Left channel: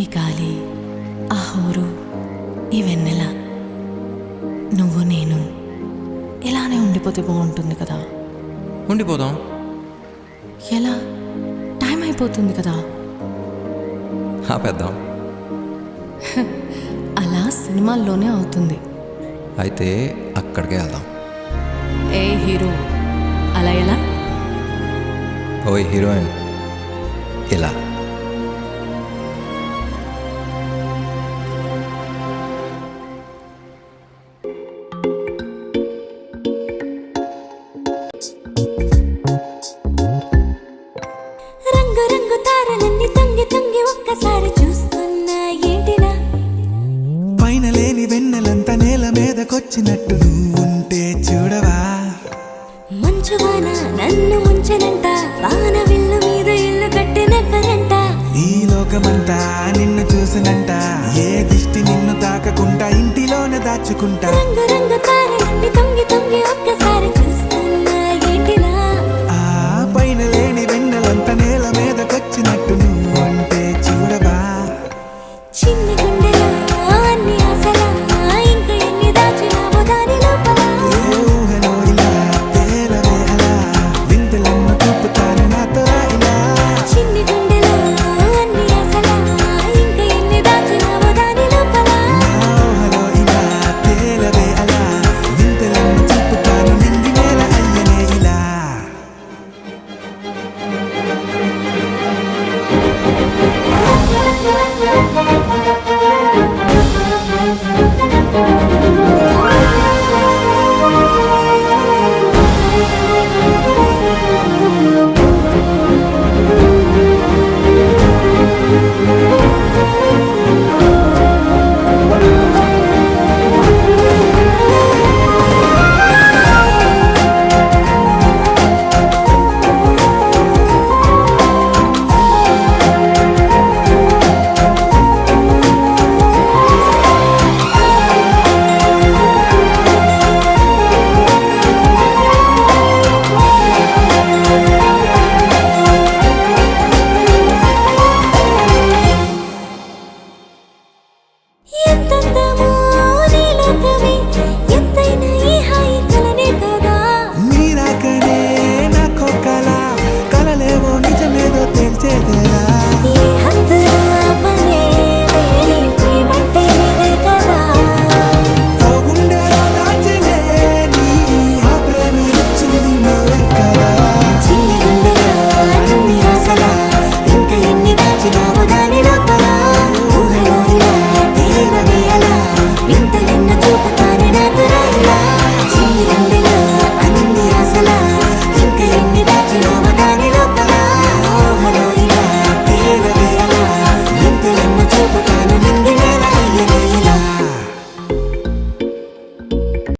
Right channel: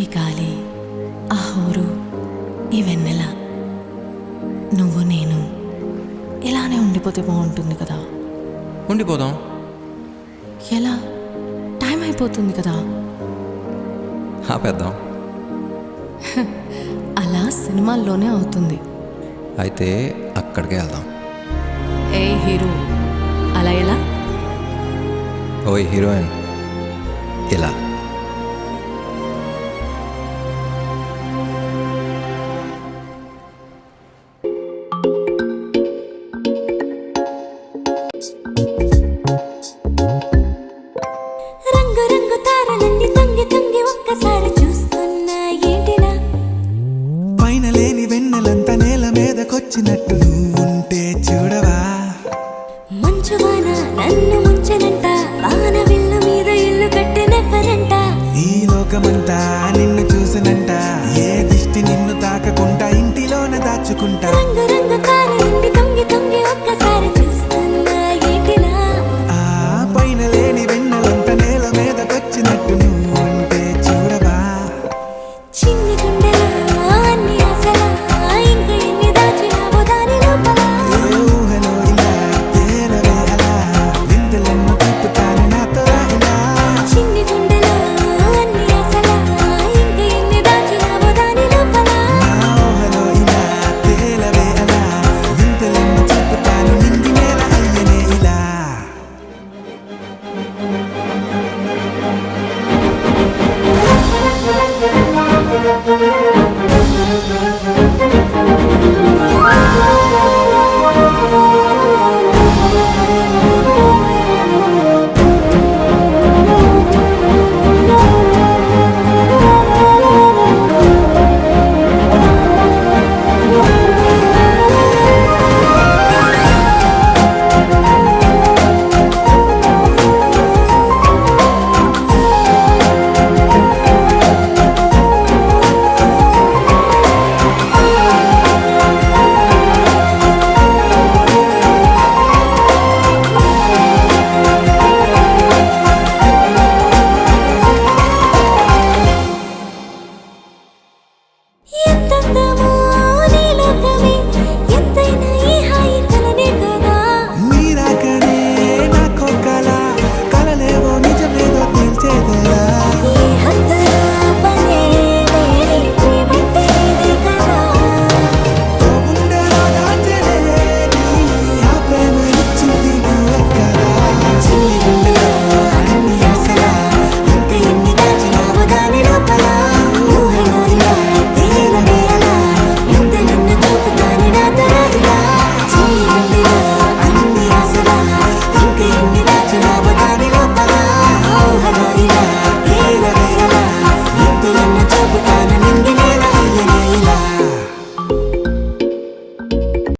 ఈ గాలి, ఆ హోరు, ఈ వెన్నెల, నువ్వు నేను ఇలానే ఉండిపోతే బాగుంటుంది కదా. ఉండిపోదాం. ఎలా? టైం అయిపోతుంది కదా. ఆపేద్దాం. అలా సినిమాల్లోనే అవుతుంది. అయితే అక్కడికే వెళ్దాం. ఏ హీరో, అలా ఎలా? ఓయ్ హీరోయిన్, ఇలా. రంగు రంగు తారలన్నీ తొంగి తొంగి ఒక్కసారి చూస్తున్నా ఏంటిలా? పైన లేని వెన్నెలంతా నేల మీదకొచ్చినట్టు నువ్వుంటే చూడవా? మంచువాన నన్ను ముంచెనంట, వాన విల్లు మీద ఇల్లు కట్టెనెవ్వరంట. ఈ లోకమంతా నిన్ను చూసినంట, ఏ దిష్టి నిన్ను తాకకుండా ఇంటిలోన దాచుకుంటా. రంగు రంగు తారలన్నీ తొంగి తొంగి ఒక్కసారి చూస్తున్నా ఏంటిలా? ఆ పైన లేని వెన్నెలంతా నేల మీదకొచ్చినట్టు నువ్వు